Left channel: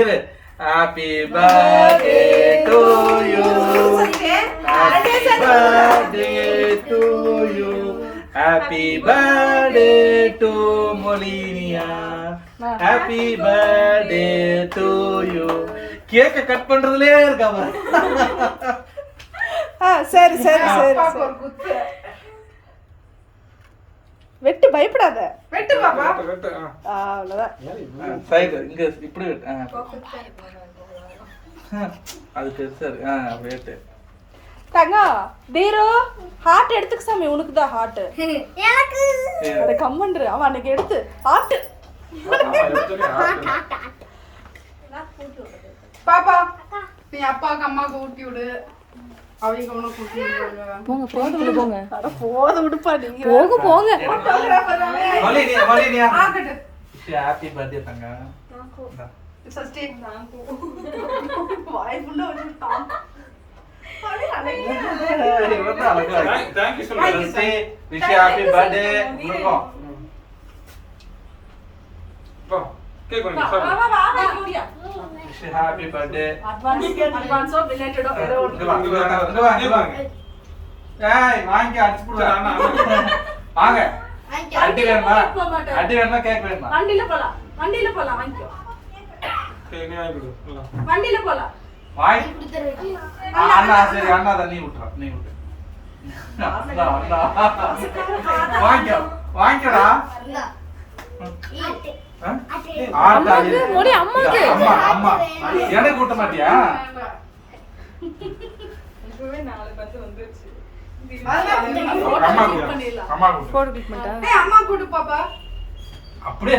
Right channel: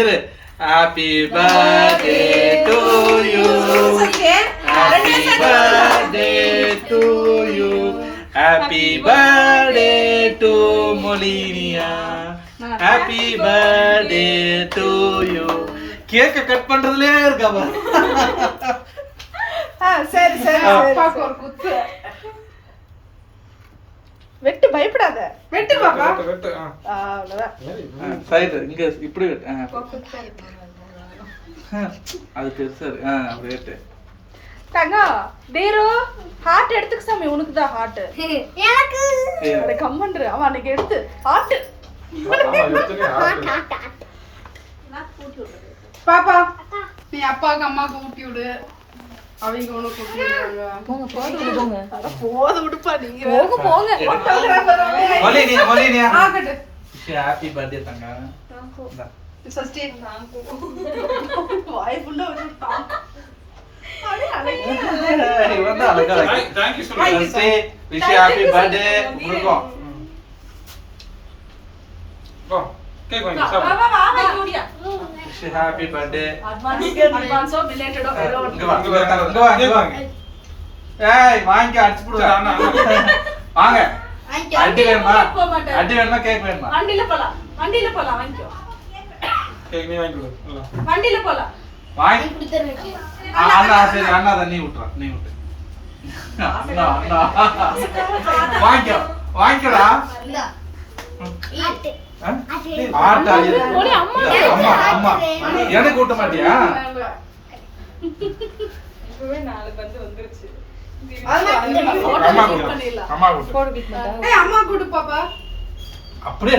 இரு. Happy birthday to you. Happy birthday to you. Happy birthday to Molinia. Happy birthday to you. கேக்க cut பண்றதுலயே இருக்காம. சரி சரி அப்பாக்கு ஒரு குத்து. வெட்டு பயப்படாத. வெட்டு பாப்பா. வெட்டு. அவ்வளவுதான். சைடு இங்க இப்படி வெட்டு. அது பெருசா அப்படி வெட்டு. தங்கம் தீரு ஹார்ட் எடுத்துக்க சாமி உனக்கு தான் ஹார்ட். எனக்கு அட கம்மன்று அவன் அன்னைக்கு எடுத்து ஹார்ட். பாப்பா நீ அப்பாக்கு அம்மாக்கு ஊட்டி விடு. அவங்க உனக்கு ஊட்டி விடுறாங்க. போங்க போங்க. அட போது விடுப்பா நீங்க. போங்க. மொலினியா. ஆகட்டு. ஹேப்பி பர்த்டே தங்க. சஸ்டி வாய் ஃபுல்லா வந்து தாம். அட அழகா. இவன் தான் அழகா. Thank you so much. Wish happy birthday உங்களுக்கு. வா கேக் வாங்கி சாப்பிடு. வா கூடியா. Wish happy birthday. அட்வான்ஸோ பிலேட்டடோ ஏதோ இங்க வாங்க. ஏய் வாங்க அடிச்சு போடு. வாங்க. அடி வேணுமா கேக் வேணுமா? வண்டில போலாம் வாங்கிக்கோ. கேக் நீ வாங்கி கொடு. வண்டில போலாம். வாங்கி குடுத்துறேன். அண்ணா சரி அண்ணா தான் நீ விட்டுற. நீ விட்டு. வாங்கிக்கடா. இல்ல. ஆட்டு. ஆட்டா இது. அம்மா. எனக்கு ஊட்ட மாட்டியா? இப்பவே 4 பந்து வந்துருச்சு. அம்மா கூட. போடு கிட்ட மாட்டா. ஏய் அம்மா கூட பாப்பா. அப்படியே